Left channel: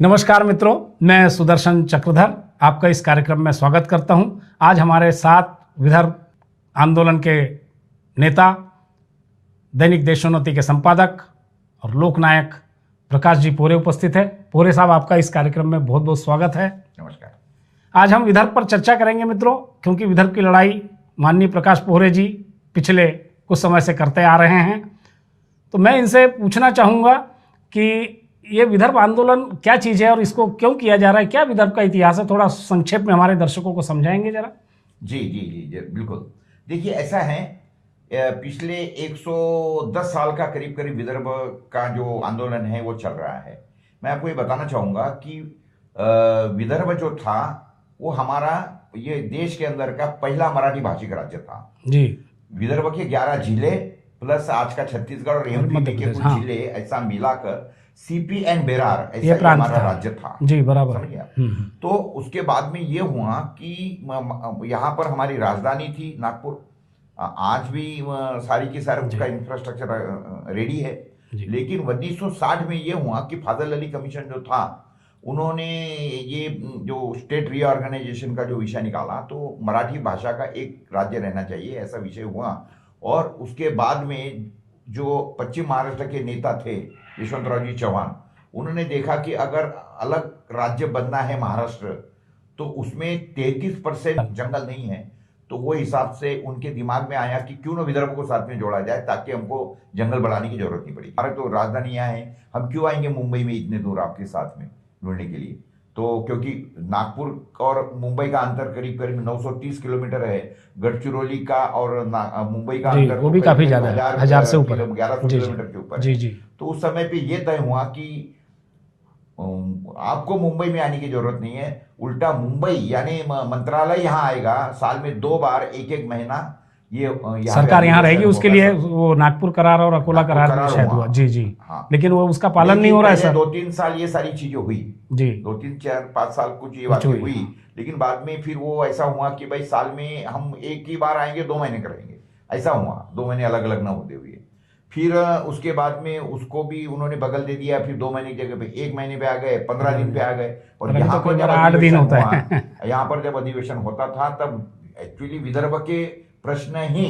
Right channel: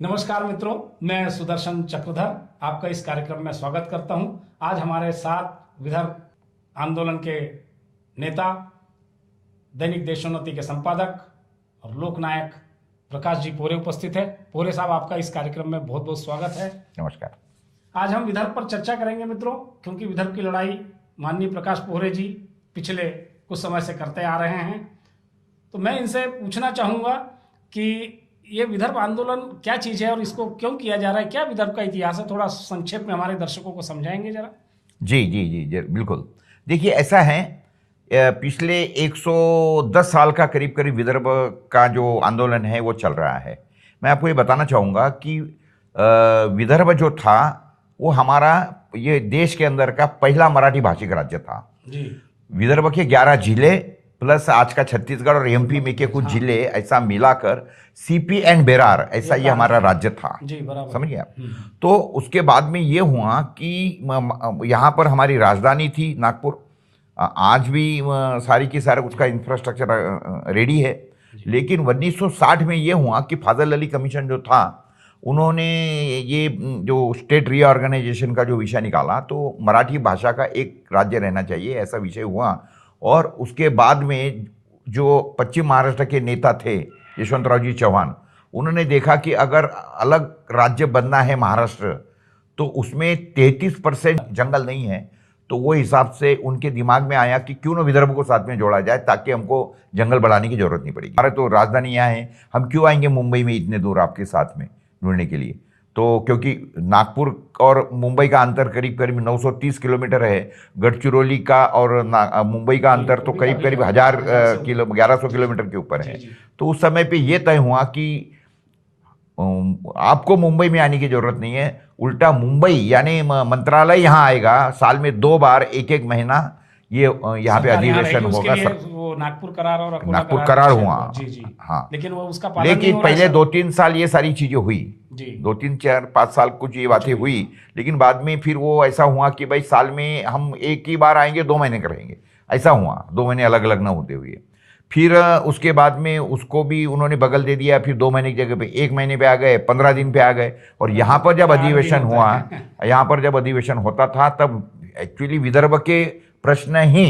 नमस्कार मित्रों, मैं सुदर्शन चक्रधर आपका इस कार्यक्रम में स्वागत करता हूं। आज हमारे साथ विदर्भ आंदोलन के नेता, दैनिक देशोन्नति के संपादक और लोकनायक प्रकाश जी पोरे उपस्थित है। पोरे साहब, आपका इस कार्यक्रम में बहुत बहुत स्वागत है। नमस्कार। आज हम विदर्भ पर चर्चा करेंगे मित्रों, क्योंकि विदर्भ की लड़ाई माननीय प्रकाश पोरे जी पिछले कुछ समय से करते आ रहे हैं। तो मैं इनसे पूछना चाहूँगा कि ये विदर्भ आंदोलन क्या चीज़ है और इसको क्यों किया जा रहा है, क्या विदर्भ का इतिहास है, थोड़ा संक्षेप में हमारे दर्शकों को समझाएंगे जरा। जी जी जी जी बिल्कुल। देखिए, ऐसा है, पिछले 110 साल का करीब करीब विदर्भ का जो आंदोलन है वो चल रहा है। मैं आपको ये बताना चाहूँगा कि विदर्भ जो था वो हमारा ये देश के अंदर का पहला मराठी भाषिक राज्य था जी। विदर्भ के 11 जिले प्लस आज का छत्तीसगढ़ और एमपी में के कुछ जिले ऐसा मिलाकर सीपी एंड बेरार ऐसा ये हमारा राज्य था। जी, बराबर, समझ गया। तो उसके बाद में ये हुआ कि यहाँ पर हमारी राजधानी थी नागपुर। आज भी सारी की सारी उसका इंफ्रास्ट्रक्चर रेडी है। लेकिन 1960 में ये हुआ कि फाजल अली कमीशन जो था उन्होंने ये जो स्टेट रीऑर्गेनाइजेशन का जो विषय निकाला, तो मराठी भाषा का एक राज्य रहना चाहिए ऐसा विषय हुआ। और उसके बाद में जो पश्चिम महाराष्ट्र के नेता थे यशवंतराव जी चौहान, उन्होंने देखा कि अगर अलग राज्य बनना है महाराष्ट्र तो उसमें 33% जंगल नहीं है। तो वो हिसाब से उनके दिमाग में आया कि क्यों ना विदर्भ को साथ में जोड़ा जाए ताकि हमको जंगल बढ़ाने की जरूरत नहीं पड़ेगी। हमारे तो राजधानी यहाँ है, हम क्यों आएंगे मुंबई में इतने दूर आपके साथ में जुड़ने के लिए। तो क्योंकि नागपुर और मुंबई का अंतर करीब करीब 930 किलोमीटर है, गढ़चिरौली का और मुंबई का अंतर तो करीब करीब 1100 किलोमीटर के ऊपर है। तो उस समय पे ये तय हुआ कि आपको मुंबई में आने की जरूरत नहीं है, उल्टा मुंबई यानी मंत्रालय यहाँ आएगा, साल में 2 बार 1-1 महीना ये यहाँ सरकार यहाँ रहेगी। उसके लिए वो नागपुर करार और अकोला करार हुआ। जी जी। हाँ, लेकिन वो उसका पालन नहीं हो रहा है। पहले 2-3 साल ये सारी चीजें हुई जी, 2-3-4-5 साल कुछ ये बातें हुई। लेकिन बाद में फिर वो ऐसा हुआ कि भाई साल में हम एक ही बार आएंगे, 2 महीने का रहेंगे, ऐसा हुआ। 2 महीने अलग अलग ना होते हुए फिर उसके बाद में उसको भी उन्होंने बगल दे दिया। फिर 2 महीने की जगह पे 1 महीने पे आ गए, 15 दिन पे आ गए। और यहाँ पर जब अधिवेशन हुआ, यहाँ पर जब अधिवेशन होता था तब एक्चुअली विदर्भ के प्रश्न ही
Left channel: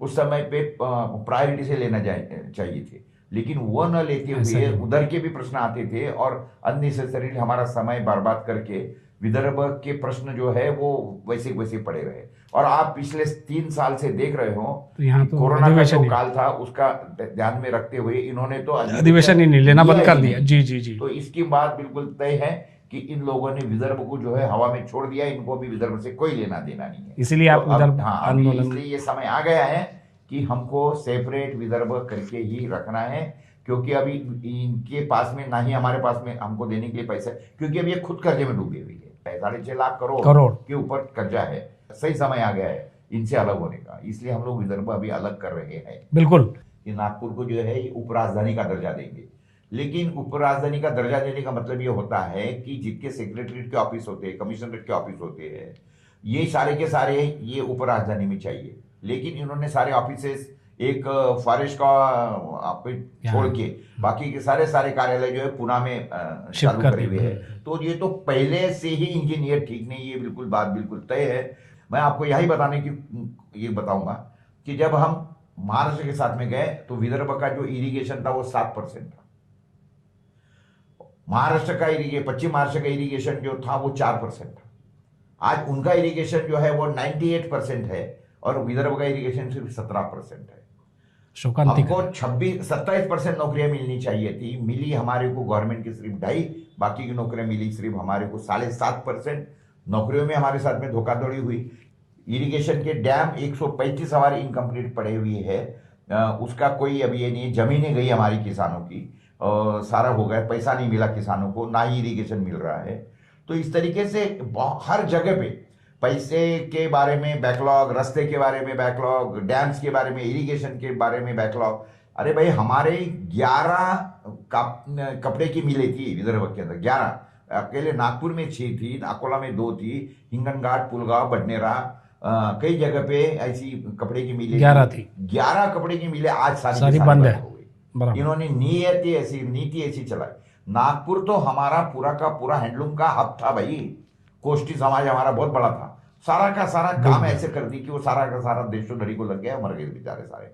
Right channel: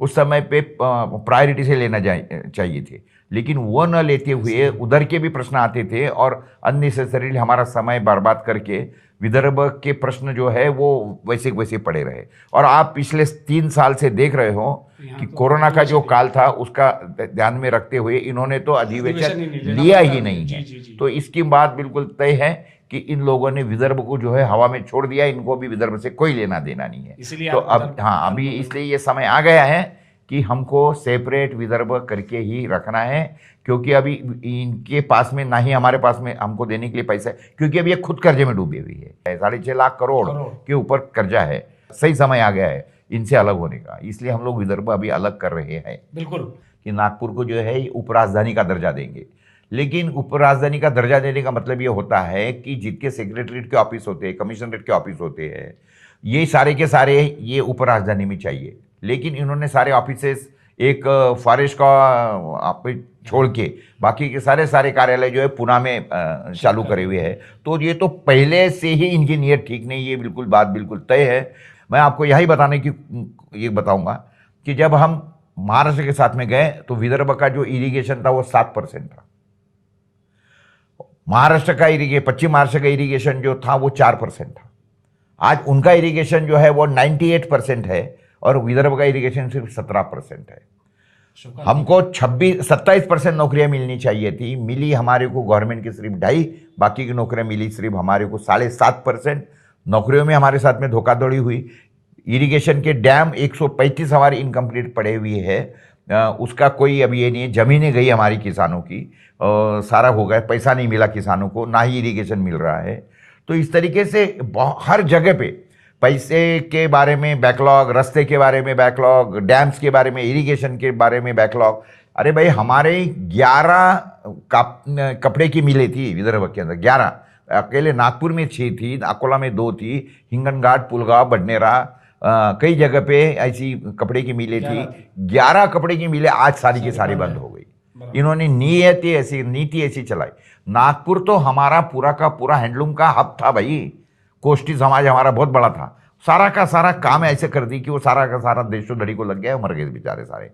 उस समय पे प्रायोरिटी से लेना चाहिए थे, लेकिन वो न लेते हुए उधर के भी प्रश्न आते थे और अननेसेसरीली हमारा समय बर्बाद करके विदर्भ के प्रश्न जो है वो वैसे वैसे पड़े रहे। और आप पिछले 3 साल से देख रहे हो कि कोरोना का जो काल था उसका ध्यान में रखते हुए इन्होंने तो अधिवेशन ही नहीं लेना बंद कर दिया। जी जी जी। तो इसकी बात बिल्कुल तय है कि इन लोगों ने विदर्भ को जो है हवा में छोड़ दिया, इनको भी विदर्भ से कोई लेना देना नहीं है। इसलिए तो अब हाँ, अभी इसलिए ये समय आ गया है कि हमको सेपरेट विदर्भ करके ही रखना है, क्योंकि अभी इनके पास में ना ही हमारे पास में हमको देने के लिए पैसा है, क्योंकि अभी ये खुद कर्जे में डूबी हुई है। 6.5 लाख करोड़ के ऊपर कर्जा है। सही समय आ गया है इनसे अलग होने का, इसलिए हम लोग विदर्भ अभी अलग कर रहे हैं। बिल्कुल, कि नागपुर को जो है उपराजधानी का दर्जा देंगे। लेकिन उपराजधानी का दर्जा देने का मतलब ये होता है कि जितने सेक्रेटरीट के ऑफिस होते हैं, कमिश्नरेट के ऑफिस होते हैं, ये सारे के सारे ये उपराजधानी में चाहिए। लेकिन इन्होंने सारे ऑफिसेस एक फॉरेस्ट का छोड़ के बाकी के सारे कार्यालय जो है पुणे में चालू करे हुए हैं। तो ये तो पहले से ही इनकी नीयत ठीक नहीं, ये बिल्कुल बात बिल्कुल तय है। मैं आपको यही बताने की ये बताऊंगा कि जब हम महाराष्ट्र के साथ में गए तो विदर्भ का जो इरिगेशन था वो 7% था। महाराष्ट्र का पश्चिम महाराष्ट्र का इरिगेशन जो था वो 4% था। आज उनका इरिगेशन जो है वो 98% है और विदर्भ का इरिगेशन सिर्फ 17% है। हमको 27% नौकरियां मिलनी चाहिए थी, मिली हमारे को गवर्नमेंट की सिर्फ 2.5, बाकी की नौकरियां मिली सिर्फ हमारे को 7.5%। नौकरियों में हमारे साथ में धोखाधड़ी हुई। इरिगेशन के डैम 135 हमारे इनकम्प्लीट पड़े हुए है, उसका कोई अभी ये नहीं है। जमीनें गई हमारी किसानों की, सारा हो गया, पैसा नहीं मिला किसानों को, ना ही इरिगेशन मिल रहा है। तो इस तरीके से हर जगह पे पैसे के बारे में बैकलॉग, रास्ते के बारे में बैकलॉग, डैम्स के बारे में, इरिगेशन के बारे में बैकलॉग। अरे भाई, हमारे 11 कपड़े की मिलें थी विदर्भ के अंदर, 11। अकेले नागपुर में 6 थी, अकोला में 2 थी, हिंगनघाट, पुलगांव, बडनेरा, कई जगह पे ऐसी कपड़े की मिलें थी। 11 कपड़े की मिलें आज सारी की सारी बंद हो गई। इन्होंने नीति ऐसी चलाई। नागपुर तो हमारा पूरा का पूरा हैंडलूम का हब था भाई। कोष्टी समाज हमारा बहुत बड़ा था, सारा का सारा काम ऐसे कर दी कि वो सारा का सारा देशोधड़ी को लग गया, मर गए बेचारे सारे।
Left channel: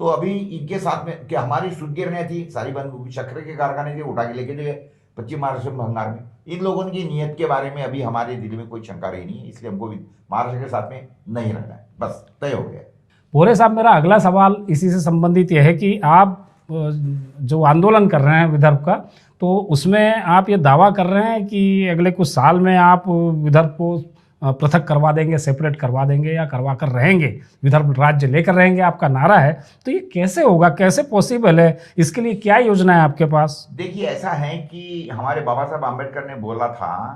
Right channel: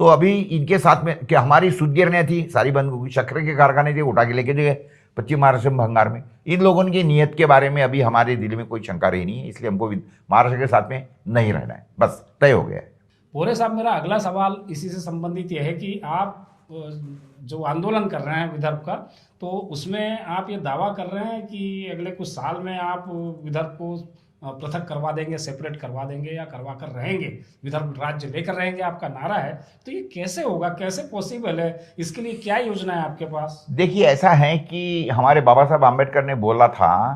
तो अभी इनके साथ में कि हमारी सुद्गिरनियाँ थी सारी बंद हो गई, शक्कर के कारखाने थे उठा के लेके गए पश्चिम महाराष्ट्र में भंगार में। इन लोगों की नीयत के बारे में अभी हमारे दिल में कोई शंका रही नहीं है, इसलिए हमको महाराष्ट्र के साथ में नहीं रहना है, बस तय हो गया है। भोरे साहब, मेरा अगला सवाल इसी से संबंधित यह है कि आप जो आंदोलन कर रहे हैं विदर्भ का, तो उसमें आप ये दावा कर रहे हैं कि अगले कुछ साल में आप विदर्भ को पृथक करवा देंगे, सेपरेट करवा देंगे या करवा कर रहेंगे, विदर्भ राज्य लेकर रहेंगे, आपका नारा है। तो ये कैसे होगा, कैसे पॉसिबल है, इसके लिए क्या योजना है आपके पास? देखिए, ऐसा है कि हमारे बाबा साहब आम्बेडकर ने बोला था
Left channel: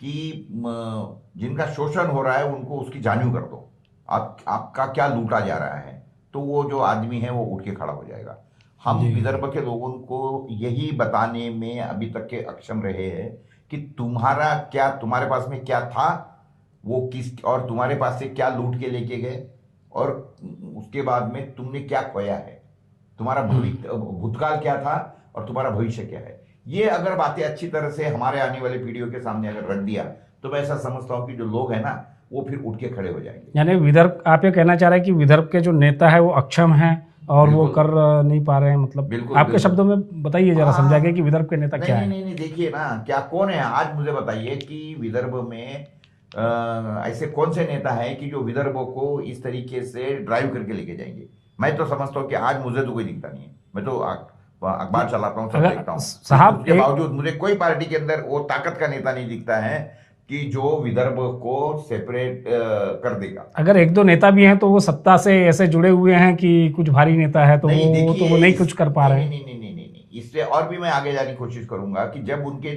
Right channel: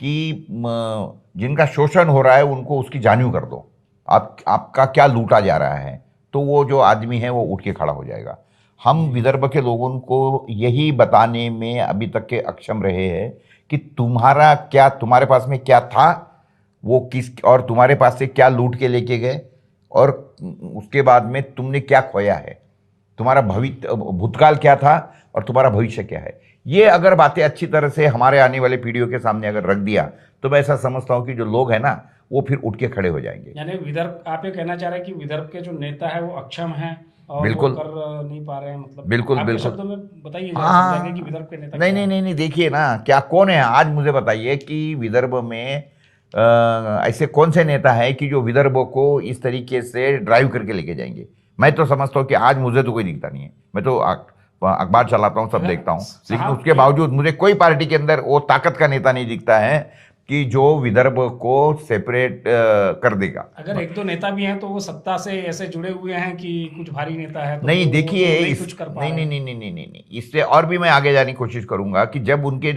कि जिनका शोषण हो रहा है उनको उसकी जान्यू कर दो, आपका क्या लूटा जा रहा है, तो वो जो आदमी है वो उठ के खड़ा हो जाएगा। हम विदर्भ के लोगों को यही बताने में अभी तक के अक्षम रहे हैं कि तुम्हारा क्या, तुम्हारे पास में क्या था वो किस, और तुम्हारे पास से क्या लूट के लेके गए, और उसके बाद में तुमने क्या खोया है, तुम्हारा भविष्य भूतकाल क्या था और तुम्हारा भविष्य क्या है। ये अगर बातें अच्छी तरह से हमारे आने वाले पीढ़ियों के सामने अगर रख दिया तो मैं ऐसा समझता हूँ कि जो लोग हैं ना वो फिर उठ के खड़े हो जाएंगे। यानी विदर्भ, आप ये कहना चाह रहे हैं कि विदर्भ के जो नेता है वो अक्षम हैं और वो कर नहीं पा रहे हैं, मतलब बिल्कुल आपके शब्दों में बताइए जरा, समझाइए कि विदर्भ के नेता क्या है? नहीं, देखिए ना, क्या कौन है आज मुझे बताइए कि विदर्भ में ऐसे कौन से नेता है कि जो विदर्भ को इस तरीके से ड्राइव करके लेके जाएंगे। मैं तो समझता हूँ कि आज मुझे तो कोई दिखता नहीं है, मैं तो अखबार चलाता हूँ, सब देखता हूँ, उसके बावजूद मुझे कोई पार्टी के अंदर वो ताकत का नेता नहीं दिखता है कि जो विदर्भ को सेपरेट कर देगा। अगर एक दो नेता भी हैं तो वो सत्ता से ऐसे जुड़े हुए हैं कि कुछ भारी नेता है तो नहीं, देखिए, तो नहीं कुछ कर पा रहे हैं। नहीं, इससे और भी मैं आगे जाने की कोशिश करूंगा कि जब उनके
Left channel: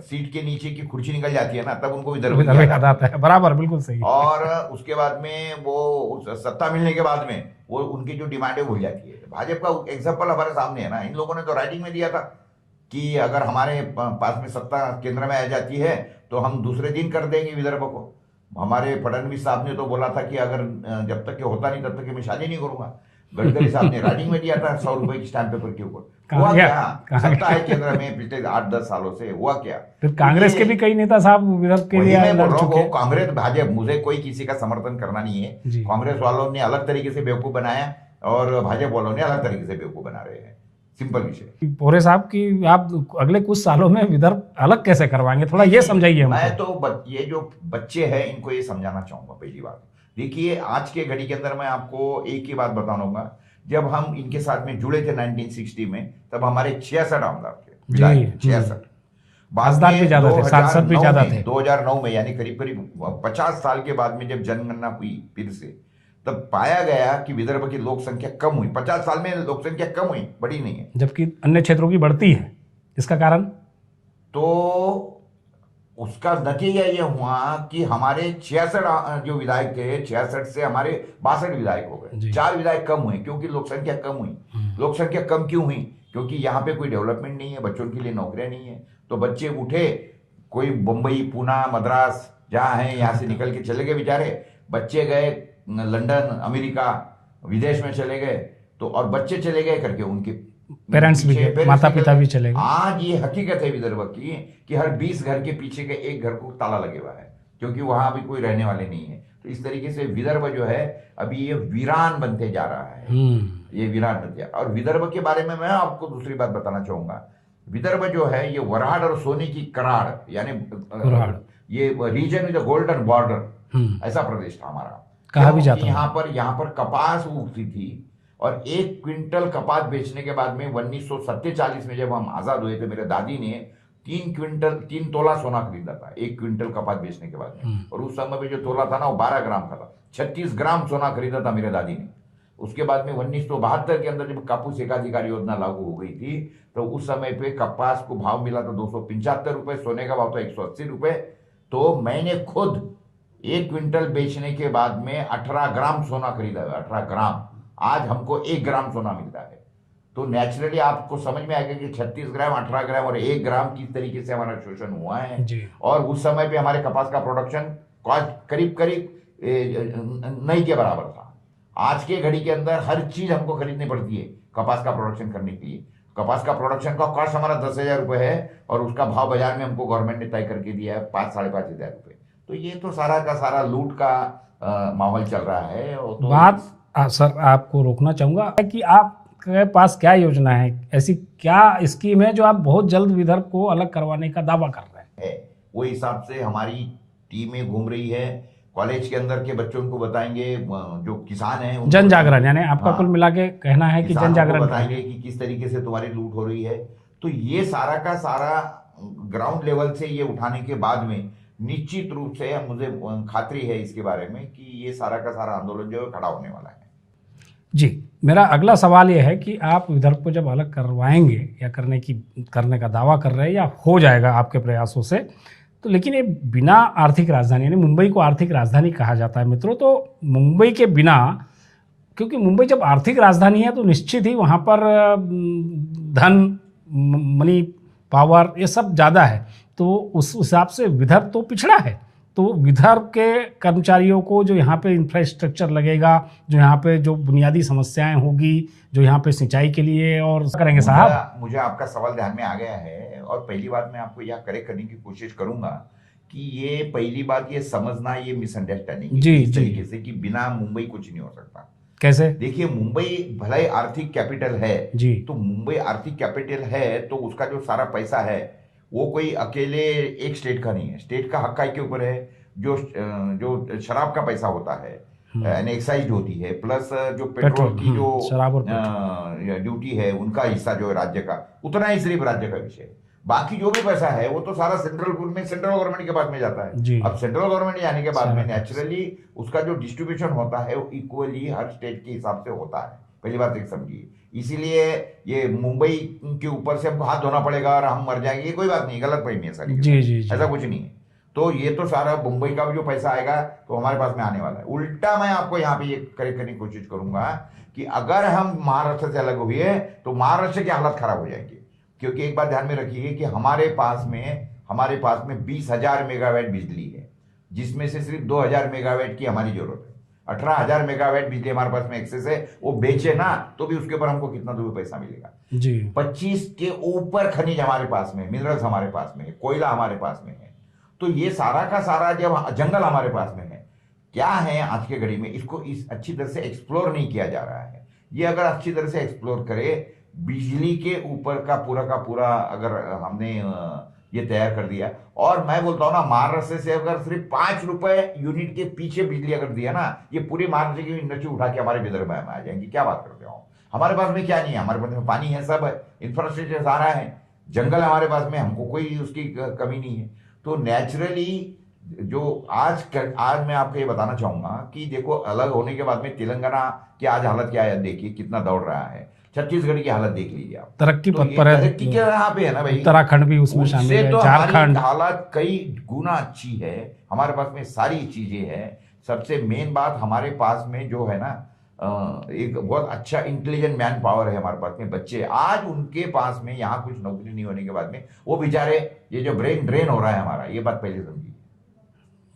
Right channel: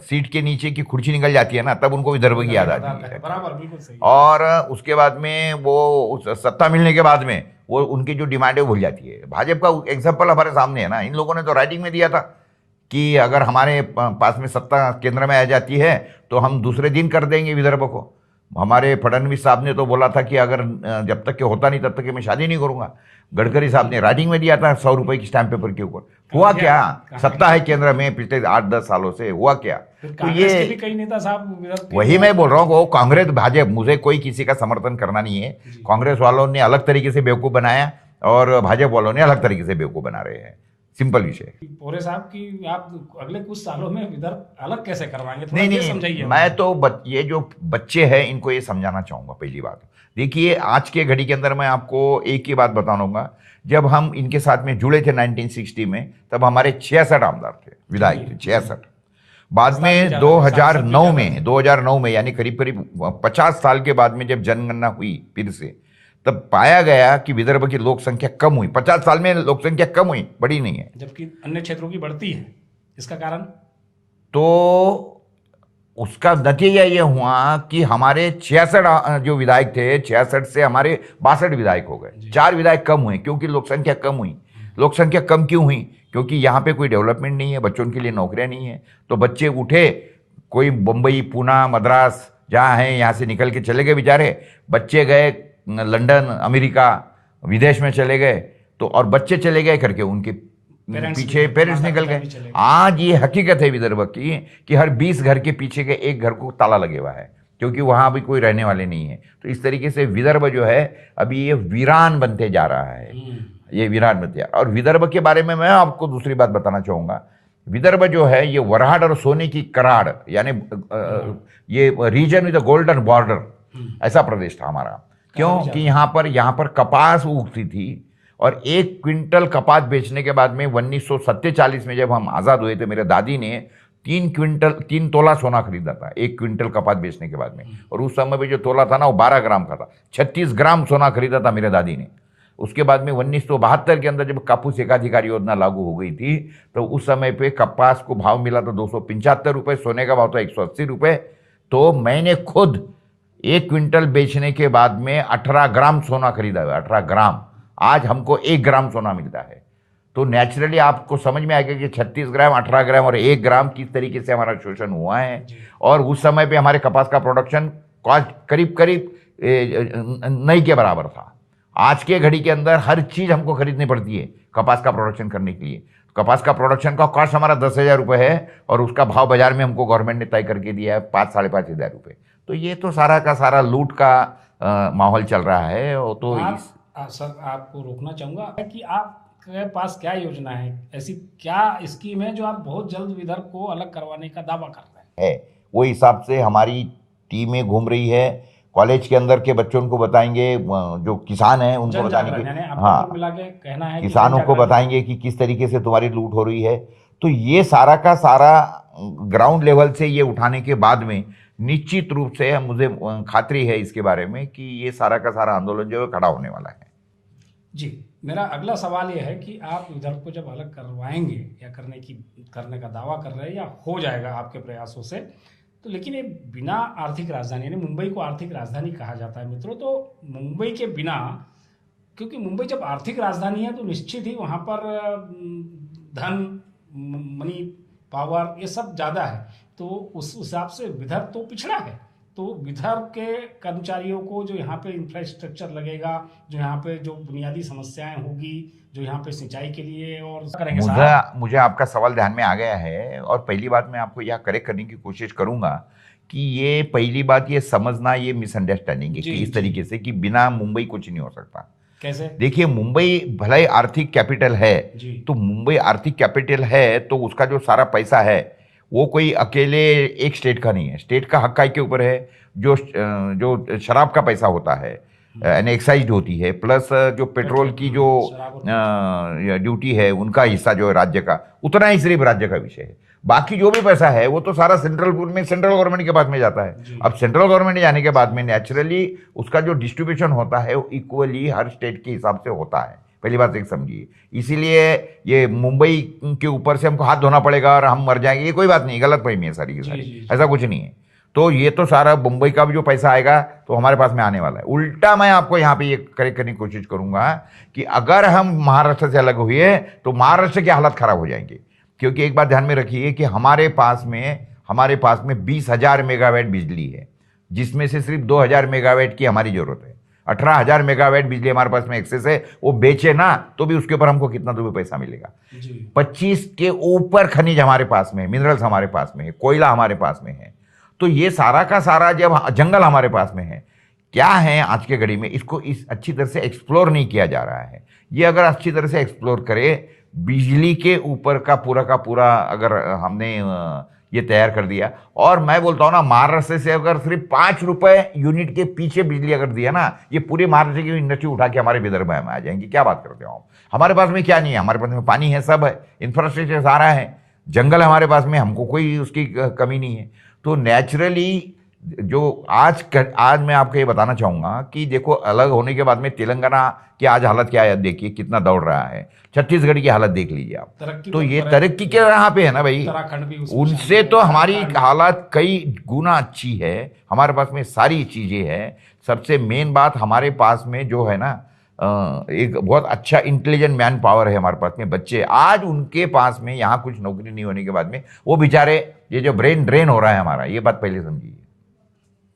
सीट के नीचे की कुर्सी निकल जाती है ना, तब उनको विदर्भ की याद आता है। बराबर, बिल्कुल सही। और उसके बाद में वो सत्ता मिलने के बाद में वो उनकी जो डिमांड है भूल जाती है। भाजपा का एग्जाम्पल हमारे सामने है ना, इन लोगों ने तो राइटिंग में दिया था कि अगर हमारे पास में सत्ता केंद्र में आ जाती है तो हम दूसरे दिन कर देंगे विदर्भ को। हमारे फडणवीस साहब ने तो बोला था कि अगर जब तक के होता नहीं तब तक मैं शादी नहीं करूंगा। गडकरी साहब ने राइटिंग में दिया था 100 रुपए की स्टैंप पेपर के ऊपर। हुआ क्या? सत्ता है केंद्र में पिछले 8-10 सालों से, हुआ क्या? कांग्रेस के भी कई नेता साहब विदर्भ के, वही मैं बोल रहा हूँ, वो कांग्रेस भाजपा, मुझे कोई किसी का समर्थन करना नहीं है। कांग्रेस वालों ने अलग तरीके से बेवकूफ बनाया और भाजपा वालों ने अलग तरीके से बेवकूफ बना रहे हैं, सिंपल विषय। भोरे साहब की आप अगले कुछ सालों में विदर्भ अलग कैसे करवाएंगे, थोड़ा ये समझाइए। मैं तो ये जो बच्चे हैं इनको ये समझाना चाहूंगा। पहली बात देखिए, आज के घड़ी के अंदर मैं आपको एक ही बात बताऊंगा, जब हम इनके साथ में जुड़े थे 1960 में, तब हमारे 66 आमदार थे, विधायक 66। बाद में 2009 में यानी करीब करीब 50 साल के बाद में जब जनगणना हुई फिर से, तब पाया गया कि विदर्भ की लोक संख्या कम हुई। 50 साल में लोक संख्या कम हुई, बढ़ी नहीं है, जबकि अन्य क्षेत्रों की बढ़ती है। इसका कारण तो उसका नतीजा ये हुआ कि हमारे 66 जो विधायक थे, 66 से हमारे 62 विधायक हो गए। 4 विधायक कम हुए क्योंकि लोक संख्या कम हुई। लोक संख्या कम क्यों हुई? क्योंकि यहाँ पे कोई डेवलपमेंट नहीं है, बच्चों के लिए नौकरियां नहीं है, तो बच्चे उठे, कोई मुंबई, पूना, मद्रास जहाँ है यहाँ से निकल के चले गए बेचारे। बच्चे गए लंदन, अमेरिका, विदेश में चले गए, तो और बच्चे चले गए करके उनके पेरेंट्स निकल गए। आज ये हकीकत है विदर्भ की कि हर 20 घर के पीछे के एक घर को ताला लगे हुआ है, क्योंकि वहां भी कोई रहने वाले नहीं है। तो इस तरीके से विदर्भ जो है अभी ये वीरान बनते जा रहा है, ये वीरान बनते। और विदर्भ के बारे में मैं आपको दूसरी बात बताना चाहूंगा। विदर्भ जो है ये वराड और सोने की कराड़, यानी ये रीजन विद गोल्डन बॉर्डर, ऐसा प्रदेश था हमारा। क्योंकि यहाँ पर कपास उगती थी, और 1 क्विंटल कपास बेचने के बाद में 1947 में जब हम आज़ाद हुए थे, मेरे दादी ने 3 तोला सोना खरीदा था 1 क्विंटल कपास बेचने के बाद में। और उस समय में जो तोला था ना वो 12 ग्राम का था। 36 ग्राम सोना खरीदा था मेरे दादी ने। उसके बाद में 1972 के अंदर जब कापूस एकाधिकार योजना लागू हो गई थी, तो उस समय पे कपास को भाव मिला था 275 रुपये, सोने का भाव था 180 रुपये। तो मैंने खुद 1 क्विंटल बेचने के बाद में 18 ग्राम सोना खरीदा हुआ, 18 ग्राम। आज हमको 1 ग्राम सोना मिलता है। तो नेचुरली आपको समझ में आएगा कि 36 ग्राम, 18 ग्राम और 1 ग्राम किस तरीके से हमारा शोषण हुआ है। और उस समय पे हमारे कपास का प्रोडक्शन कॉस्ट करीब नहीं के बराबर था। आज के घड़ी के अंदर हर चीज हमको खरीदनी पड़ती है कपास का प्रोडक्शन करने के लिए। कपास का प्रोडक्शन का कॉस्ट हमारा 10,000 रुपये है और उसका भाव बाजार में हमको गवर्नमेंट ने तय करके दिया है 5-5,500 रुपये। तो ये तो सारा का सारा लूट का माहौल चल रहा है। और तो सर आपको रोकना चाहूँगा कि आपके पास क्या योजना है, ऐसी क्या स्कीम है जो आप बहुत जल्द विदर्भ को अलग करवाने का दावा कर रहे हैं? वो हिसाब से हमारी टीमें घूम रही है, कॉलेज के अंदर के बच्चों को बताएंगे, जो किसान हैं उनको जन जागरण, यानी आपका कुल मिला के कहना है कि किसानों को बताएंगे कि किस तरीके से तुम्हारी लूट हो रही है। तो ये सारा का सारा ग्राउंड लेवल से ये उठाने के बाद में निश्चित रूप से मुझे खातरी है इसके बारे में कि ये सारा का सारा आंदोलन जो है खड़ा होने वाला है। जी, मेरा अगला सवाल ये है कि आप विदर्भ को जब अलग करवाएंगे या करने का दावा कर रहे हैं या हो जाएगा आपके प्रयासों से, तो लेकिन ये बिना आर्थिक राजधानी, यानी मुंबई को आर्थिक राजधानी कहा जाता है मित्रों, तो मुंबई के बिना, क्योंकि मुंबई जब आर्थिक राजधानी है तो निश्चित ही वहाँ पर धन, मनी पावर, ये सब ज़्यादा है, तो उस हिसाब से विदर्भ तो पिछड़ा है। तो विदर्भ के कर्मचारियों को जो यहाँ पे इंफ्रास्ट्रक्चर लगेगा, जो यहाँ पे जो बुनियादी समस्याएं होगी, जो यहाँ पे सिंचाई के लिए और करेंगे साहब। मुझे आपका सवाल ध्यान में आ गया है और पहली बात मैं आपको यह करेक्ट करने की कोशिश करूंगा कि ये पहली बात ये समझना, ये मिसअंडरस्टैंडिंग है इस तरीके से कि बिना मुंबई कुछ नहीं हो सकता। कैसे? देखिए, मुंबई भले ही आर्थिक कैपिटल है जी, तो मुंबई आर्थिक कैपिटल है तो उसका जो सारा पैसा है वो कोई अकेले एक स्टेट का नहीं है, स्टेट का हक के ऊपर है। जो शराब का पैसा होता है यानी एक्साइज होती है, प्लस जो पेट्रोल की जो ड्यूटी है उनका हिस्सा जो है राज्य का, उतना ही सिर्फ राज्य का विषय है। बाकी जो भी पैसा है वो तो सारा सेंट्रल गवर्नमेंट के पास में जाता है। अब सेंट्रल गवर्नमेंट जाने के बाद में नेचुरली उसका जो डिस्ट्रीब्यूशन होता है वो इक्वली हर स्टेट के हिसाब से होता है। पहली बात एक समझिए, इसीलिए ये मुंबई के ऊपर से हमको हाथ धोना पड़ेगा और हम मर जाएंगे, ये कोई बात नहीं, गलत फहमी है सारी। ऐसा कुछ नहीं है। तो ये तो सारा मुंबई का भी जो पैसा आएगा तो हमारे पास में आने वाला है। उल्टा मैं आपको यहाँ पे ये करेक्ट करने की कोशिश करूंगा कि अगर हम महाराष्ट्र से अलग हुए तो महाराष्ट्र की हालत खराब हो जाएंगी, क्योंकि एक बात ध्यान में रखिए कि हमारे पास में 20,000 मेगावाट बिजली है, जिसमें से सिर्फ 2,000 मेगावाट की हमारी जरूरत है। 18,000 मेगावाट बिजली हमारे पास में एक्सेस है, वो बेचे ना तो भी उसके ऊपर हमको कितना तो भी पैसा मिलेगा जी। 25 के ऊपर खनिज हमारे पास में, मिनरल्स हमारे पास में है, कोयला हमारे पास में है। तो ये सारा का सारा जब जंगल हमारे पास में है, क्या है आज के घड़ी में इसको अच्छी तरह से एक्सप्लोर नहीं किया जा रहा है। ये अगर अच्छी तरह से एक्सप्लोर करे, बिजली के ऊपर का पूरा अगर हमने ये तैयार कर दिया, और मैं बोलता हूँ ना, महाराष्ट्र से अगर सिर्फ 5 रुपए यूनिट के पीछे बिजली अगर दिया ना, ये पूरे महाराष्ट्र की इंडस्ट्री उठा के हमारे विदर्भ में आ जाएंगी। क्या बात करते हो? हमारे पास में क्या नहीं है, हमारे पास में पानी है, सब है, इंफ्रास्ट्रक्चर सारा है, जंगल हमारे पास में, हमको कोई उसकी कमी नहीं है। तो नेचुरली जो आज मैं आपको ये बताना चाहूंगा कि देखो, अलग होने के बाद में तेलंगाना की आज हालत क्या है, देखिए कितना दौड़ रहा है। छत्तीसगढ़ की हालत देख लीजिए आप, तरक्की तो ये तरक्की के यहाँ पे है ना भाई, उत्तराखंड भी उससे तो हमारी हालत कई गुना अच्छी है। हमारे पास में सारी चीजें हैं। सबसे मेन बात, हमारे पास में जो है ना, एक बहुत अच्छा इंटेलिजेंट मैन पावर है हमारे पास में। बच्चे आज उनके पास में यहाँ कुछ नौकरी नहीं होने के बाद में वो बेचारे, ये जो ब्रेन ड्रेन हो रहा है हमारा, ये बात पहले समझिए,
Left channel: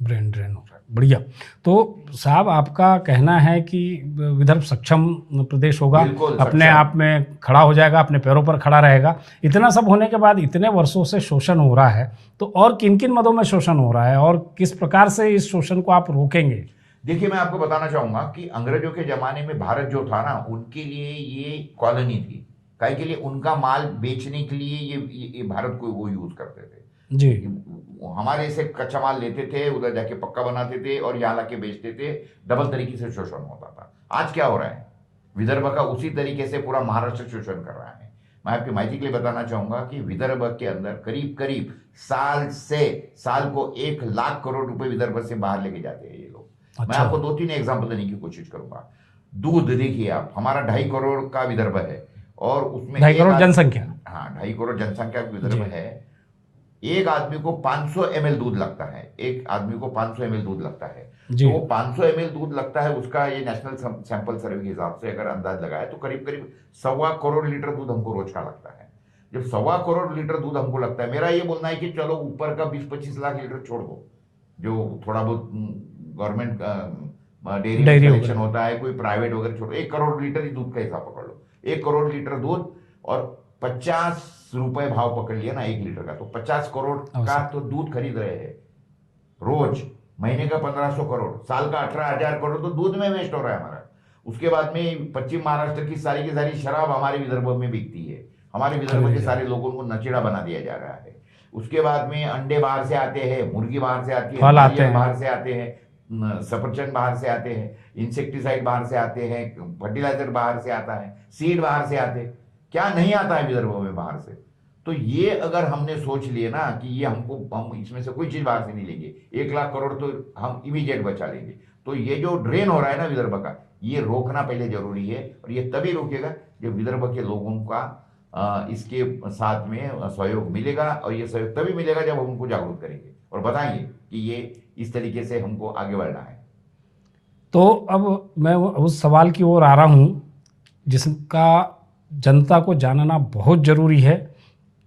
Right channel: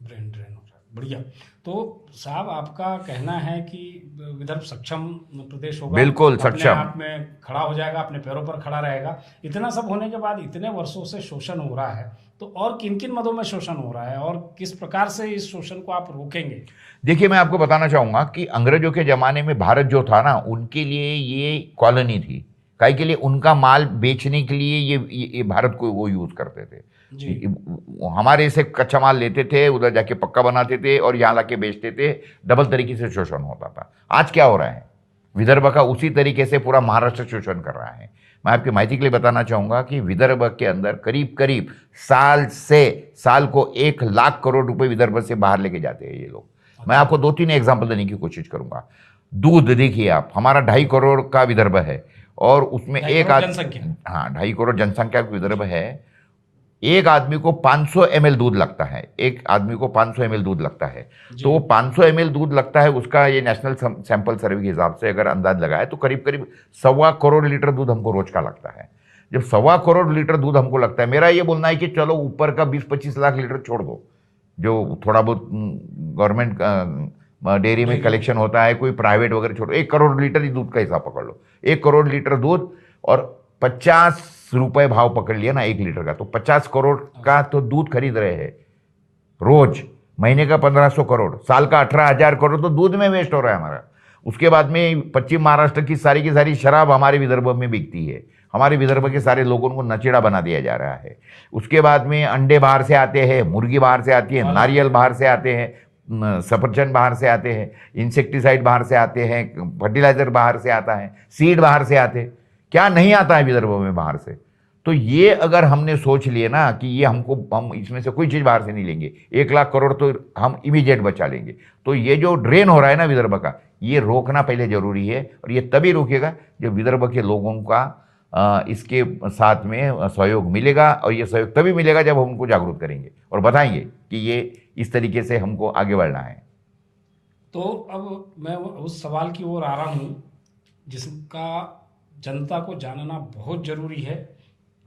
ब्रेन ड्रेन हो रहा है। बढ़िया। तो साहब, आपका कहना है कि विदर्भ सक्षम प्रदेश होगा, बिल्कुल अपने आप में खड़ा हो जाएगा, अपने पैरों पर खड़ा रहेगा। इतना सब होने के बाद, इतने वर्षों से शोषण हो रहा है, तो और किन किन मदों में शोषण हो रहा है और किस प्रकार से इस शोषण को आप रोकेंगे? देखिए, मैं आपको बताना चाहूंगा कि अंग्रेजों के जमाने में भारत जो था ना, उनके लिए ये कॉलोनी थी। काहे के लिए? उनका माल बेचने के लिए ये भारत को वो यूज करते थे जी। हमारे से कच्चा माल लेते थे, उधर जाके पक्का बनाते थे और यहाँ लाके बेचते थे। डबल तरीके से शोषण होता था। आज क्या हो रहा है? विदर्भ का उसी तरीके से पूरा महाराष्ट्र शोषण कर रहा है। मैं आपकी माहिती के लिए बताना चाहूंगा कि विदर्भ के अंदर करीब साल को 1 लाख करोड़ रुपए विदर्भ से बाहर लेके जाते हैं ये लोग। अच्छा। मैं आपको 2-3 एग्जाम्पल देने की कोशिश करूंगा। दूध देखिए आप, हमारा 2.5 करोड़ का विदर्भ है और उसमें 2.5 जनसंख्या, हाँ 2.5 करोड़ जनसंख्या का विदर्भ है। एक आदमी को 500 ml दूध लगता है, एक आदमी को 500 ml दूध लगता है। तो वो 500 ml दूध लगता है, उसका ये नेशनल सैंपल सर्वे के हिसाब से अगर अंदाज लगाए तो करीब 1.25 करोड़ लीटर दूध हमको रोज का लगता है। जब 1.25 करोड़ लीटर दूध हमको लगता है, मेरा ये बोलना है कि चलो ऊपर का 20-25 लाख लीटर छोड़ दो, जो थोड़ा बहुत गवर्नमेंट डेयरी में कलेक्शन होता है, कोई प्राइवेट वगैरह छोड़ो, 1 करोड़ लीटर ही दूध का हिसाब पकड़ लो। 1 करोड़ लीटर दूध और 50 रुपए भाव पकड़ लिया ना 1 लीटर का, तो 50 करोड़ का तो दूध खरीद रहे हैं रोज, महीने का 1500 करोड़, साल का 18,000 करोड़ तो दूध में वेस्ट हो रहा है हमारा। उसके बाद में पश्चिम महाराष्ट्र की सारी शराब हमारे विदर्भ में बिकती है, हमारे विदर्भ के सारे लोगों को नचेड़ा बना दिया जा रहा है। उसके बाद में अंडे बाहर से आते हैं, मुर्गी बाहर से आती है, नारियल बाहर से आते हैं, सफरचंद बाहर से आते हैं, इंसेक्टिसाइड बाहर से आते हैं, फर्टिलाइजर बाहर से आता है, सीड बाहर से आते हैं, क्या नहीं आता है विदर्भ में बाहर से। तो ये अगर हमने सोच लिए ना कि ये हम इसमें से कोई चीज़ बाहर से नहीं लेंगे, 1 लाख करोड़ तो हम इमीडिएट बचा लेंगे, तो ये जो ड्रेन हो रहा है ना विदर्भ का, ये रोकना पहले जरूरी है। और ये तभी रुकेगा जब विदर्भ के लोगों का इसके साथ में सहयोग मिलेगा, और ये सहयोग तभी मिलेगा जब हम उनको जागरूक करेंगे और बताएंगे कि ये इस तरीके से हमको आगे बढ़ना है। तो अब मैं उस सवाल की ओर आ रहा हूँ जिसका जनता को जानना बहुत ज़रूरी है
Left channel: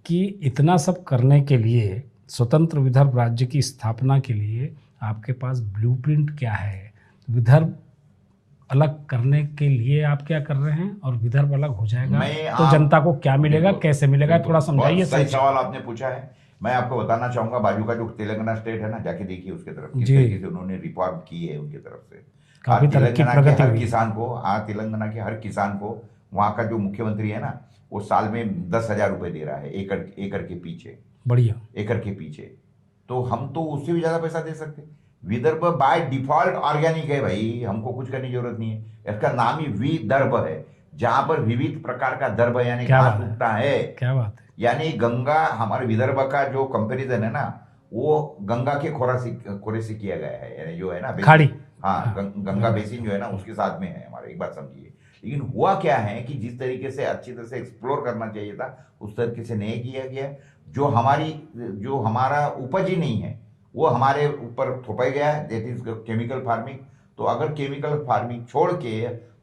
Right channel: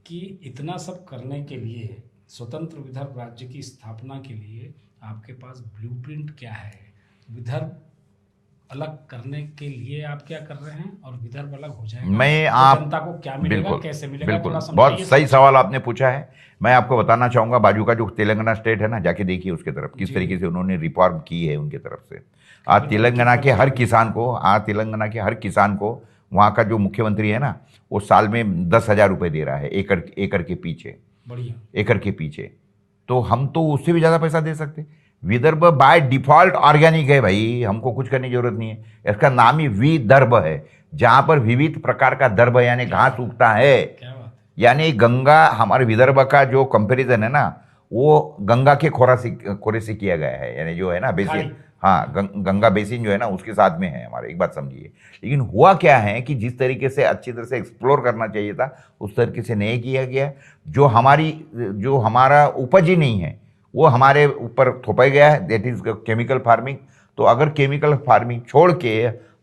कि इतना सब करने के लिए, स्वतंत्र विदर्भ राज्य की स्थापना के लिए आपके पास ब्लूप्रिंट क्या है, विदर्भ अलग करने के लिए आप क्या कर रहे हैं, और विदर्भ अलग हो जाएगा तो जनता को क्या मिलेगा, कैसे मिलेगा, थोड़ा समझाइए। बहुत सही सवाल आपने पूछा है। मैं आपको बताना चाहूंगा, बाजू का जो तेलंगाना स्टेट है ना, जाके देखिए उसके तरफ किस तरीके से उन्होंने रिफॉर्म की है उनकी तरफ से। आज तेलंगाना के हर किसान को वहाँ का जो मुख्यमंत्री है ना, वो साल में 10,000 रुपये दे रहा है एकड़ के पीछे, बढ़िया एकड़ के पीछे। तो हम तो उससे भी ज़्यादा पैसा दे सकते। विदर्भ बाय डिफॉल्ट ऑर्गेनिक है भाई, हमको कुछ करने की जरूरत नहीं है। इसका नाम ही विदर्भ है, जहाँ पर विविध प्रकार का दर्भ यानी घास उगता है। क्या बात है। यानी गंगा, हमारे विदर्भ का जो कंपैरिजन है ना, वो गंगा के खोरे से किया गया है, यानी जो है ना बेसिन, हाँ गंगा बेसिन जो है ना उसके साथ में है हमारे। एक बात समझिए, लेकिन हुआ क्या है कि जिस तरीके से अच्छी तरह से एक्सप्लोर करना चाहिए था उस तरीके से नहीं किया गया। जो हमारा उपज ही नहीं है वो हमारे ऊपर थोपा गया है, दैट इज केमिकल फार्मिंग। तो अगर केमिकल फार्मिंग छोड़ के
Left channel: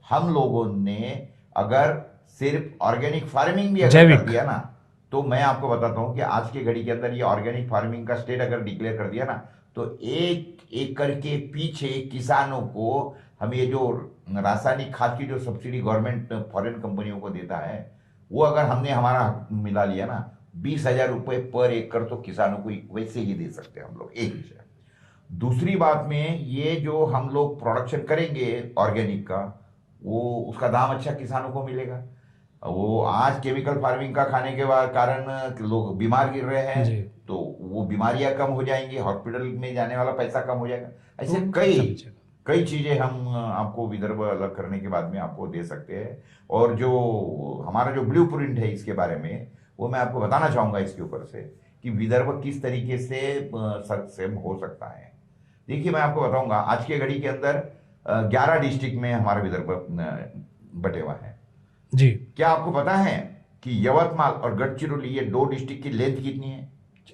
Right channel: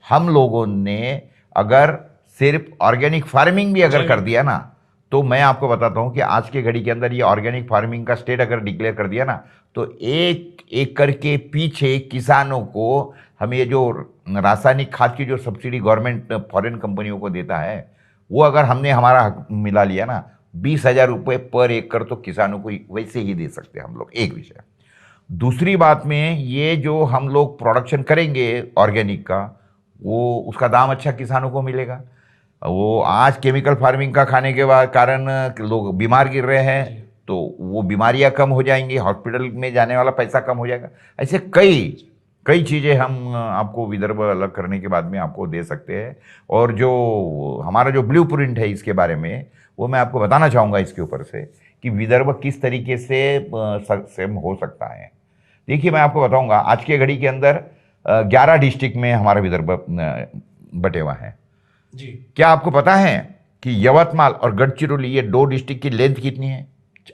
हम लोगों ने अगर सिर्फ ऑर्गेनिक फार्मिंग भी अगर कर दिया ना, तो मैं आपको बताता हूं कि आज के घड़ी के अंदर ये ऑर्गेनिक फार्मिंग का स्टेट अगर डिक्लेयर कर दिया ना, तो 1 एकड़ के पीछे किसानों को हम ये जो रासायनिक खाद की जो सब्सिडी गवर्नमेंट फॉरेन कंपनियों को देता है, वो अगर हमने हमारा हक मिला लिया ना, 20,000 रुपये पर एकड़ तो किसानों को वैसे ही दे सकते हैं हम लोग। एक विषय। दूसरी बात में, ये जो हम लोग प्रोडक्शन करेंगे ऑर्गेनिक का, वो उसका दाम अच्छा किसानों को मिलेगा। वो आज केमिकल फार्मिंग का खाने के बाद कारण लोग बीमार गिर रहे हैं, तो वो बीमारियां कम हो जाएंगी, हॉस्पिटल में जाने वाला पैसा कम हो जाएगा। ऐसे कई चीज़ें हम आपको विदर्भ अलग करने के बाद में आपको दे सकते हैं। और जो हमारा जो ब्लूप्रिंट है इसके बारे में, वो मैं आपको बताना चाहूँगा इसके ऊपर से कि विदर्भ किस तरीके से सक्षम हो सकता है। देखिए, मैं आपको बताऊँगा, आज के घड़ी के अंदर 11 डिस्ट्रिक्ट में हमारा विदर्भ बटे हुआ है जी। क्या आपको पता है कि यवतमाल और गढ़चिरौली, ये 2 डिस्ट्रिक्ट की लेंथ कितनी है?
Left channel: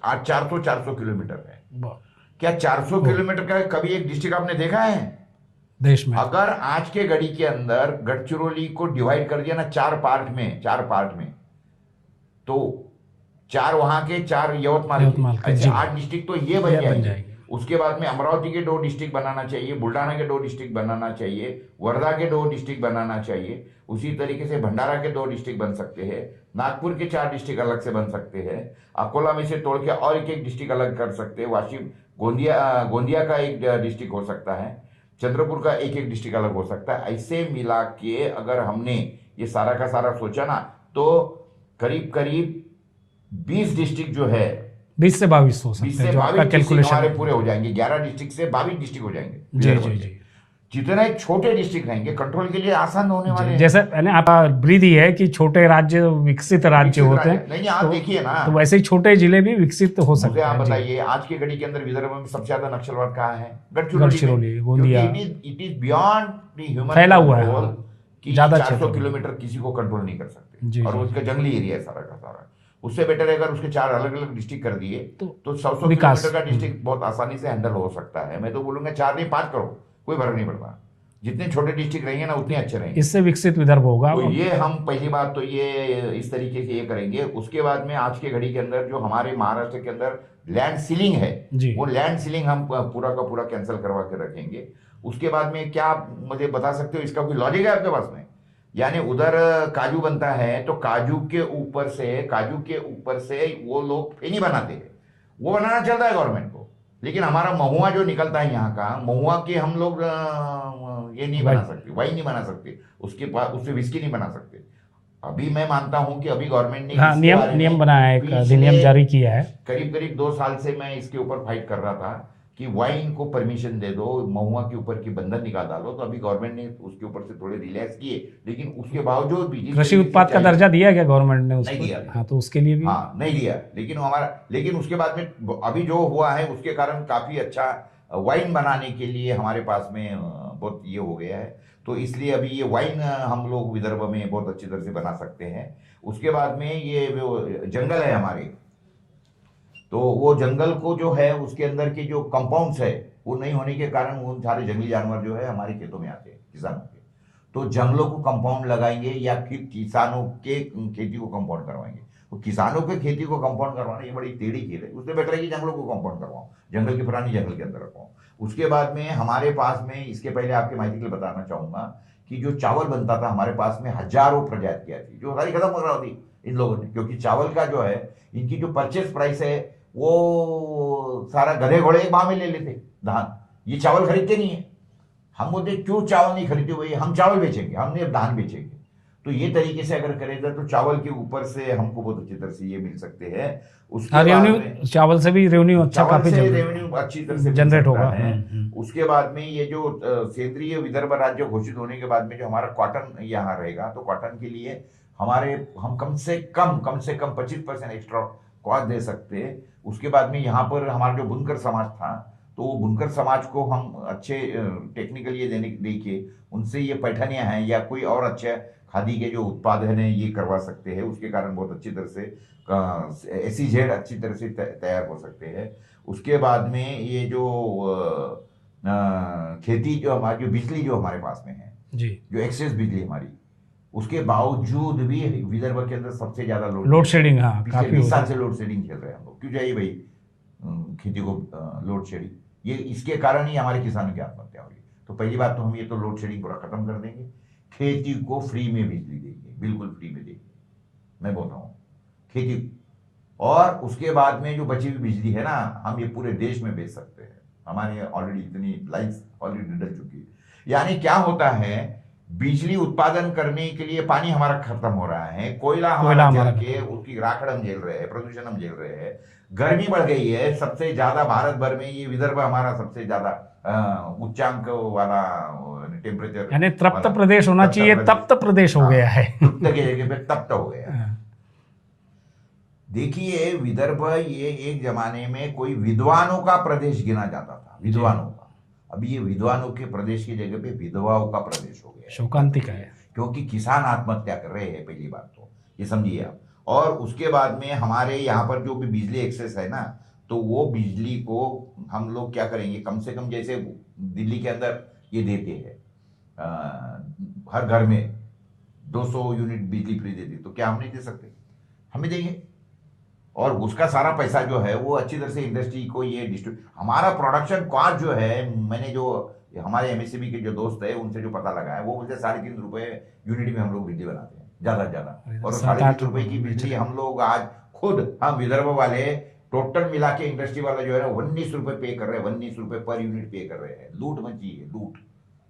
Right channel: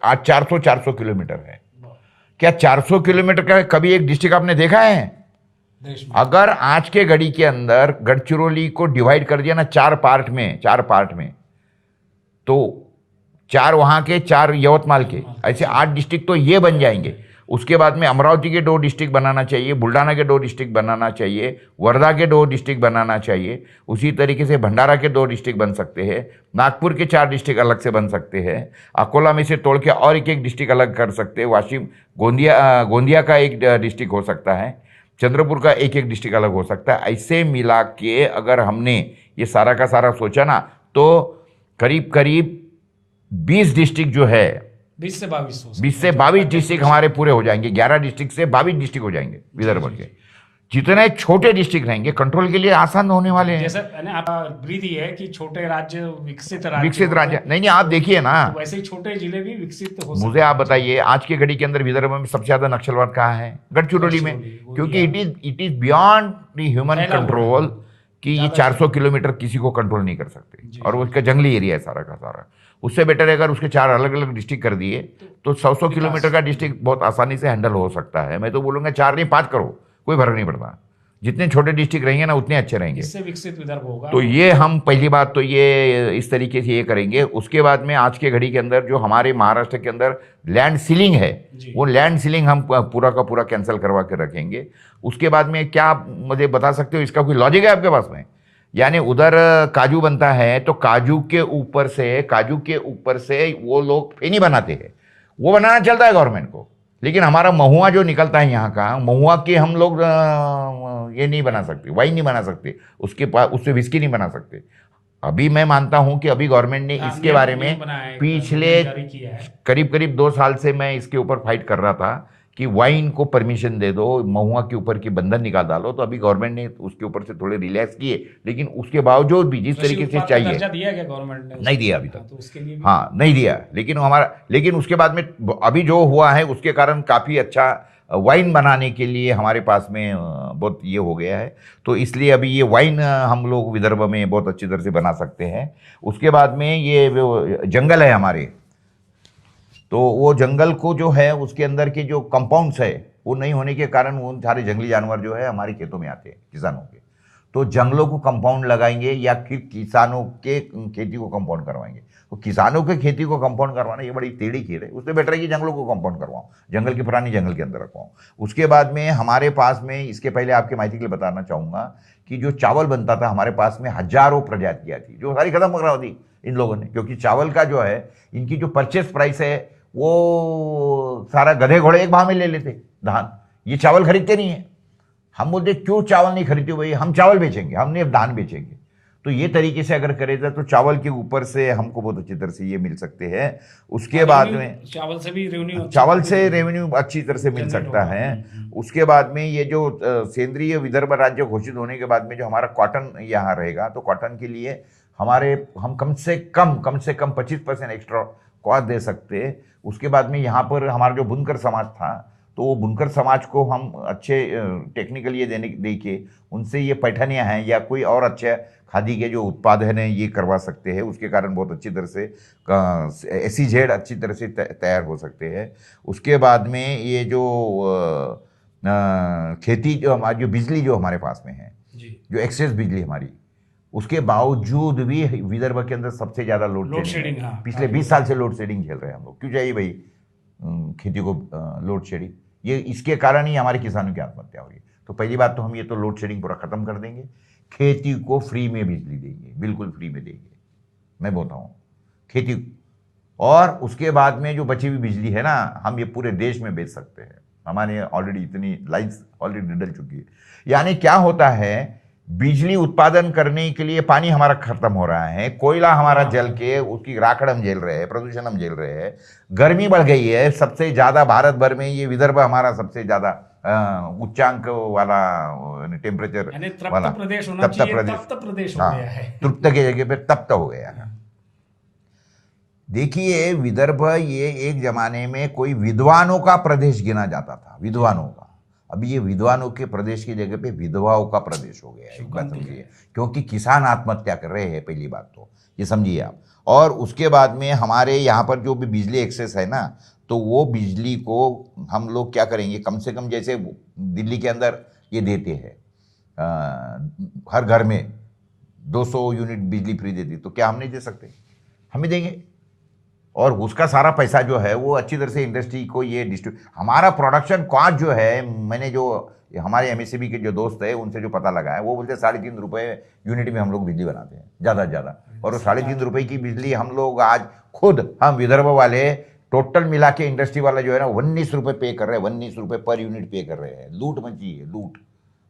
आज 400 किलोमीटर है। क्या 400 किलोमीटर का कभी एक डिस्ट्रिक्ट आपने देखा है देश में? अगर आज के घड़ी के अंदर गढ़चिरौली को डिवाइड कर दिया ना 4 पार्ट में, तो 4 वहां के, 4 यवतमाल के, ऐसे 8 डिस्ट्रिक्ट तो ये बन जाएंगे। उसके बाद में अमरावती के 2 डिस्ट्रिक्ट बनाना चाहिए, बुल्ढाना के 2 डिस्ट्रिक्ट बनाना चाहिए, वर्धा के 2 डिस्ट्रिक्ट बनाना चाहिए। उसी तरीके से भंडारा के 2 डिस्ट्रिक्ट बन सकते हैं, नागपुर के 4 डिस्ट्रिक्ट अलग से बन सकते हैं, अकोला में से तोड़ के और एक डिस्ट्रिक्ट अलग कर सकते हैं, वाशिम गोंदिया का एक डिस्ट्रिक्ट हो सकता है, चंद्रपुर का एक डिस्ट्रिक्ट अलग हो सकता है। ऐसे मिला के अगर हमने ये सारा का सारा सोचा ना, तो करीब 20 डिस्ट्रिक्ट जो है, 20 से 22 डिस्ट्रिक्ट हमारे पूरे हो जाएंगे। 11 डिस्ट्रिक्ट से 22 डिस्ट्रिक्ट हो जाएंगे विदर्भ के। जितने छोटे डिस्ट्रिक्ट रहेंगे कंट्रोल के लिए आसान होने वाले हैं। जैसे आप ब्रीद ही है कि छोटे राज्य विकसित राज्य नहीं, आप देखिए ना, तो वैसे ही छोटे जिले भी विकसित हो सकते हैं। मुझे आप बताइए, आज के घड़ी के अंदर विदर्भ में सबसे ज्यादा नक्सलवाद कहाँ है? गढ़चिरौली में, क्योंकि it is beyond the human control कि 400 किलोमीटर किसी को कंट्रोल नहीं कर सकते, और उसका जंगली एरिया है सारा का सारा। उससे बेटर है अगर उसके 4 अलग अलग डिस्ट्रिक्ट कर दिए तो 100 किलोमीटर का डिस्ट्रिक्ट बहुत आसानी से हैंडल हो सकता है। मैं तो बोलूंगा 4 नहीं 5 करो, कोई फर्क नहीं पड़ता। जितने छोटे डिस्ट्रिक्ट रहेंगे ना उतने अच्छे रहेंगे, इससे विकसित विदर्भ होगा। तो ये हम पहली बात तो ये इस तरीके से ये करेंगे। उसके बाद में आज के घड़ी के अंदर जो हमारे महाराष्ट्र के अंदर लैंड सीलिंग है, वो लैंड सीलिंग हम पूरा का पूरा कैंसिल करवा के रखेंगे। उसके बाद में क्या मुझे बता सकते हो, इसका कोई लॉजिक है आपके पास में? यानी उधर काजू बनता है तो काजू के ऊपर से वो लोग फेनी बनाते हैं, वो बनाना चलता है गवर्नमेंट को। लेकिन हमारा महुआ जो निकलता है यहाँ का, महुआ की हम लोग ये नहीं बना सकते, वाइन नहीं बना सकते, उसके पास उससे विस्की नहीं बना सकते। अभी मैं मानता हूं कि अभी गवर्नमेंट ने इसके बारे में बनाया है, पिछले जारी किया है। करीब करीब 2 साल से मैं इसके ऊपर फाइट कर रहा था कि वाइन को परमिशन दे दो, महुआ के ऊपर की बंधन निकाल डालो। तो अभी गवर्नमेंट ने उसके ऊपर से थोड़े रिलैक्स किए, लेकिन उसके बावजूद भी जिस कृषि तरीके से उत्पाद का चाहिए दर्जा दिया गया गवर्नमेंट ने? नहीं दिया अभी हाँ, तो उसके लिए भी हाँ नहीं दिया। लेकिन उसके बाद में अभी जो हुआ है उसके कारण काफी अच्छा वाइन बनाने के लिए हमारे पास में बहुत ये हो गया है। तो इसलिए अभी ये वाइन हम लोग विदर्भ में बहुत अच्छी तरह से बना सकते हैं। उसके बाद में ये जंगल है हमारे, तो वो जंगल को जो है उसके अंदर के जो कंपाउंड्स है वो नहीं होने के कारण वो सारे जंगली जानवर जो है हमारे खेतों में आते हैं, किसानों के। तो जंगलों को कंपाउंड लगाएंगे या फिर किसानों के खेती को कंपाउंड करवाएंगे। तो किसानों के खेती को कंपाउंड करवाना ये बड़ी टेढ़ी खेल है। उससे बेटर है कि जंगलों को कंपाउंड करवाऊं, जंगल के पुरानी जंगल के अंदर रखवाऊं। उसके बाद में हमारे पास में, इसके पहले आपके माहिती के लिए बताना चाहूंगा कि जो चावल बनता था हमारे पास में हजारों प्रजातियां थी, जो सारी खत्म करा दी इन लोगों ने। क्योंकि चावल का जो है इनकी जो परचेस प्राइस है वो सारा गधे घोड़े एक भाव में ले लेते धान। ये चावल खरीदते नहीं है। हम बोलते क्यों चावल नहीं खरीदते भाई, हम चावल बेचेंगे, हमने अब धान बेचेंगे। तो ये तरीके से अगर करेगा तो चावल के ऊपर से हमको बहुत अच्छी तरह से ये मिल सकते हैं। उसके बाद में चावल से भी रेवेन्यू अच्छी तरह से मिल सकता है। उसके बाद में ये जो सेंद्रीय विदर्भ राज्य घोषित होने के बाद में जो हमारा कॉटन यहाँ रहेगा, तो कॉटन के लिए हम कम से कम 25% एक्स्ट्रा कॉस्ट दे सकते हैं। उसके बाद में यहाँ पर हमारा जो बुनकर समाज था, तो वो बुनकर समाज को हम अच्छे टेक्निकल ये दे के उनसे ये पैठनियाँ हैं या कोई और अच्छे खादी के जो उत्पाद हैं ये करवा सकते हैं। उसके कारण बहुत अच्छी तरह से SEZ अच्छी तरह से तैयार हो सकते हैं। उसके बाद में ये जो खेती जो हमारी जो बिजली जो हमारे पास में है जी, जो एक्सेस बिजली हमारी, उसके बावजूद भी विदर्भ के अंदर सबसे ज्यादा लोड शेडिंग, पिछले 20 साल से लोड शेडिंग झेल रहे हैं हम लोग। क्यों चाहिए भाई खेती को लोड शेडिंग? ये इसके कारण ही हमारे किसानों की आत्महत्या हो रही है। तो पहली बात तो हम ये तो लोड शेडिंग पूरा खत्म कर देंगे, खेती को फ्री में बिजली देंगे, बिल्कुल फ्री में देंगे, मैं बोलता हूँ खेती। और उसके बाद में जो बची हुई बिजली है ना, हम ये पूरे देश में बेच सकते हैं। हमारे ऑलरेडी इतनी लाइन्स ऑलरेडी डल चुकी है। यानी क्या होता है, बिजली उत्पादन करने के लिए पानी हमारा खत्म हो रहा है, कोयला हमारा जल के उसकी राखड़ हम झेल रहे हैं, प्रदूषण हम झेल रहे हैं, गर्मी बढ़ गई है सबसे ज्यादा भारत भर में। ये विदर्भ हमारा सबसे ज्यादा उच्चांक वाला टेम्परेचर, यानी तप्त प्रदेश होना चाहिए, तप्त प्रदेश हो गया है। तप्त की जगह पे तप्त हो गया। देखिए विदर्भ ये एक जमाने में कोई विद्वानों का प्रदेश गिना जाता था, विद्वानों का। अभी ये विद्वानों के प्रदेश की जगह पे विधवाओं का प्रदेश हो गया है, शोकांतिका है। क्योंकि किसान आत्महत्या कर रहे हैं, पहली बात तो ये समझिए आप। और उसके बाद में हमारे यहाँ पर जो भी बिजली एक्सेस है ना, तो वो बिजली को हम लोग क्या करेंगे, कम से कम जैसे दिल्ली के अंदर ये देते हैं हर घर में 200 यूनिट बिजली फ्री देती, तो क्या हम नहीं दे सकते? हम भी देंगे। और उसका सारा पैसा जो है वो अच्छी तरह से इंडस्ट्री को ये हमारा प्रोडक्शन कॉस्ट जो है, मैंने जो हमारे MSCB के जो दोस्त है उनसे जो पता लगा है, वो बोलते 3.5 रुपए यूनिट में हम लोग बिजली बनाते हैं, ज़्यादा से ज़्यादा। और 3.5 रुपए की बिजली हम लोग आज खुद, हम विदर्भ वाले टोटल मिला के इंडस्ट्री वाले जो है ना 19 रुपए पे कर रहे हैं, 19 रुपए पर यूनिट पे कर रहे हैं। लूट मची है, लूट।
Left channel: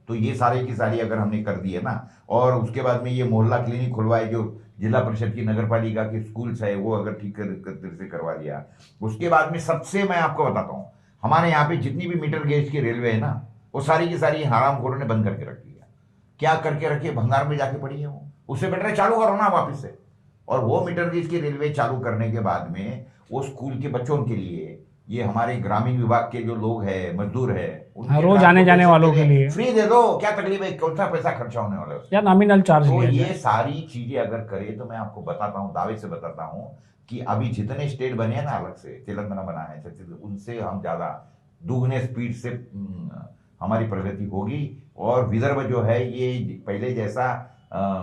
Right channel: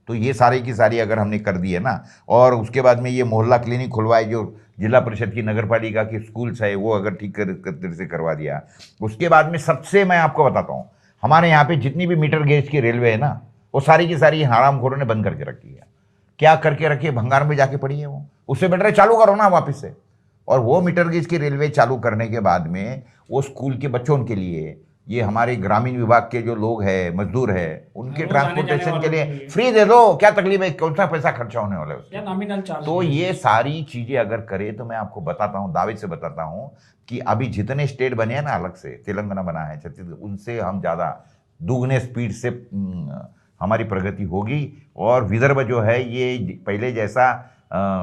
तो ये सारी की सारी अगर हमने कर दी है ना, और उसके बाद में ये मोहल्ला क्लिनिक खुलवाए, जो जिला परिषद की नगर पालिका की स्कूल्स है वो अगर ठीक तरह से करवा दिया। उसके बाद में सबसे मैं आपको बताता हूँ, हमारे यहाँ पे जितनी भी मीटर गेज की रेलवे है ना, वो सारी की सारी हरामखोरों ने बंद करके रखी है। क्या करके रखी है? भंगार में जाके पड़ी है वो। उससे बेटर है चालू करो ना वापस से। और वो मीटर गेज की रेलवे चालू करने के बाद में वो स्कूल के बच्चों के लिए, ये हमारे ग्रामीण विभाग के जो लोग हैं, मजदूर है, उनके रोज आने जाने वालों के लिए फ्री दे दो। क्या तकलीफ है? कौन सा पैसा खर्चा होने वाला है उसमें? या नॉमिनल चार्ज। तो ये सारी चीजें अगर करे तो मैं आपको बताता हूँ, दावे से बताता हूँ कि अभी जितने स्टेट बने हैं ना, अलग से तेलंगाना बना है, छत्तीसगढ़, उनसे हम ज्यादा दुगने स्पीड से हमारी प्रगति होगी। और विदर्भ जो है ये पहले जैसा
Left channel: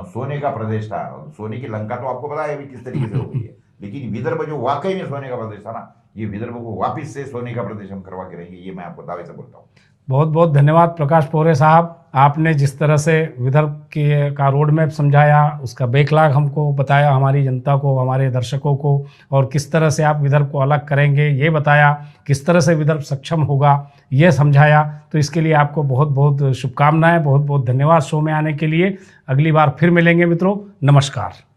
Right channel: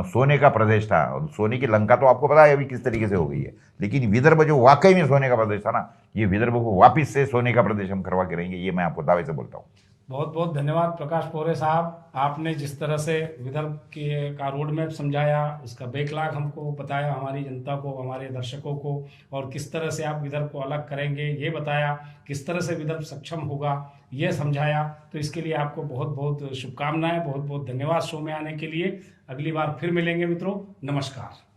सोने का प्रदेश था, सोने की लंका तो आपको पता है अभी किस तरीके से हो गई है, लेकिन विदर्भ जो वाकई में सोने का प्रदेश था ना, ये विदर्भ को वापस से सोने का प्रदेश हम करवा के रहेंगे, ये मैं आपको दावे से बोलता हूँ। बहुत बहुत धन्यवाद प्रकाश पोहरे साहब, आपने जिस तरह से विदर्भ के का रोड मैप समझाया, उसका बैकलॉग हमको बताया, हमारी जनता को, हमारे दर्शकों को, और किस तरह से आप विदर्भ को अलग करेंगे ये बताया, किस तरह से विदर्भ सक्षम होगा ये समझाया। तो इसके लिए आपको बहुत बहुत शुभकामनाएं, बहुत बहुत धन्यवाद शो में आने के लिए। अगली बार फिर मिलेंगे मित्रों, नमस्कार।